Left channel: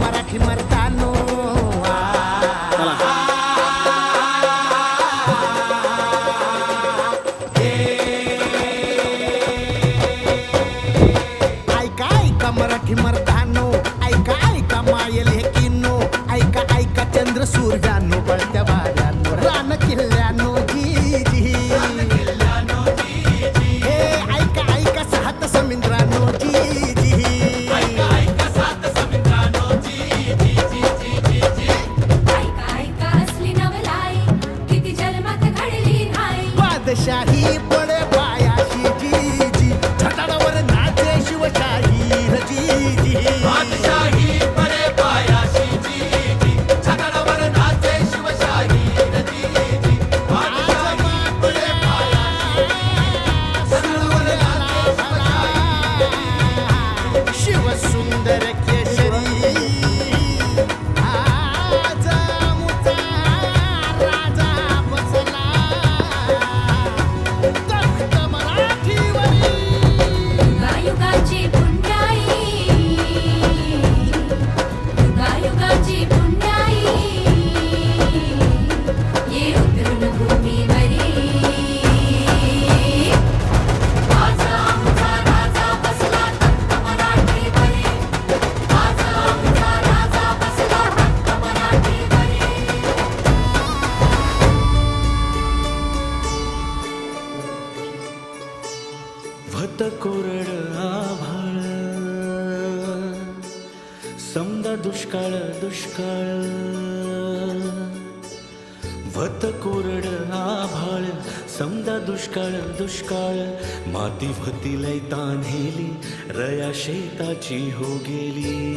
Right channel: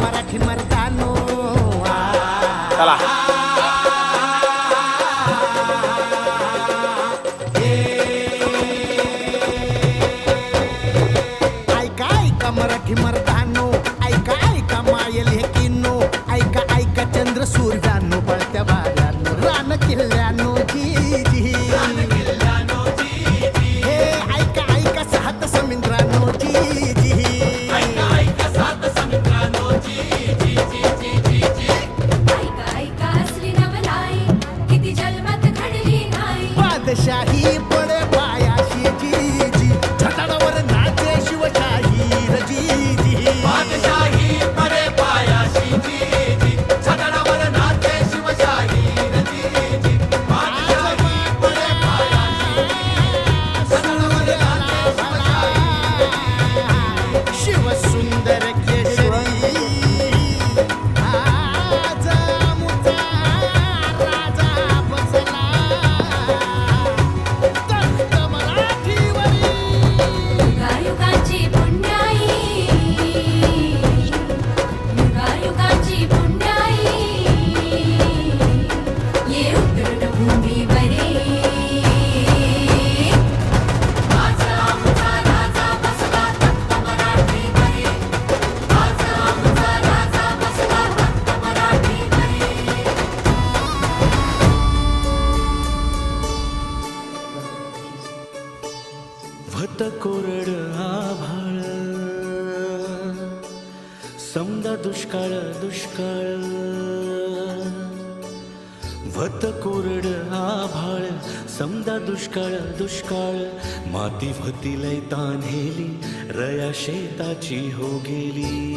मराठी मर्दानो. ऐका ऐका मराठी मर्दानो. ऐका ऐका मायल हे किन्नो. ऐका ऐका चंद्र सूर्यानो I भत कोरड आभाळ. समदा दुष्काळ दुष्काळ. भत कोरड आभाळ. समदा दुष्काळ दुष्काळ. माती भती लय तान्हेली रया शेताची हो गेली.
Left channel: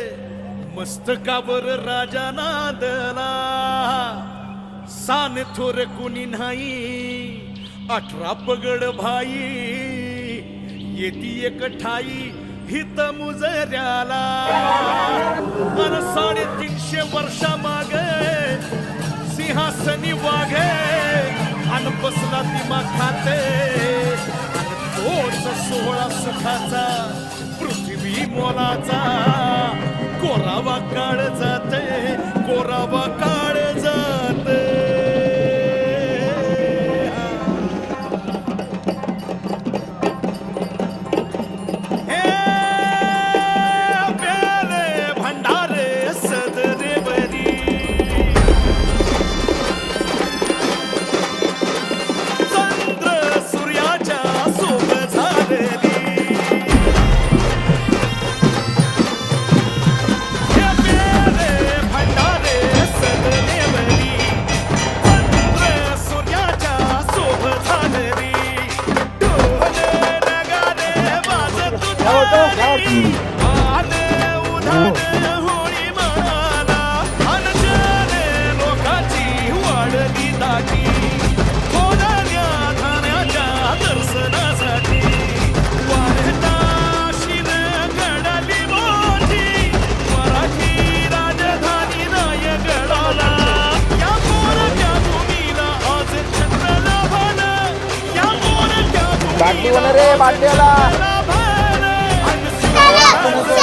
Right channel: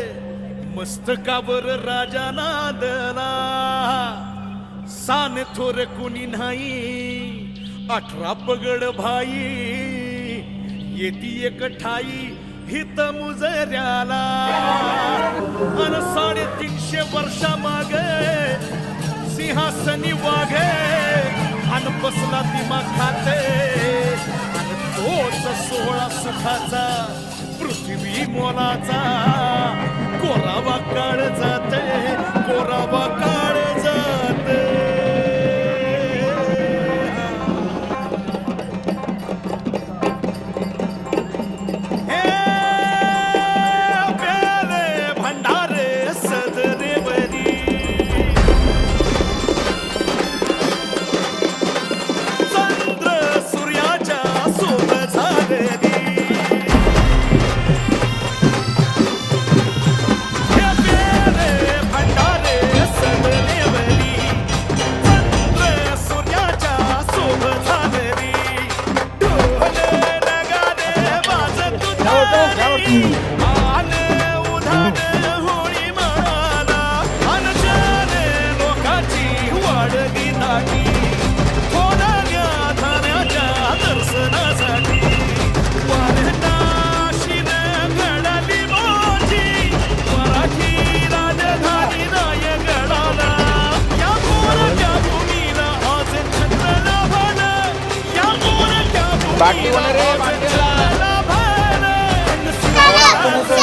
मस्तकावर राजा नादला. सान थोर कुणी नाही अठरा पगड भाई. येती एक ठाई हित मुजऱ्याला. अन साडेतीनशे वर्षा माग सिंहासनी वाघे. अन बसला दिमा खाते. अन तोच सोहळा सुखाचा पृथ्वी मोलाचा. कोरावा काळ जाते कोरावा काळ वाजत उतारी आने उधान 안녕하세요.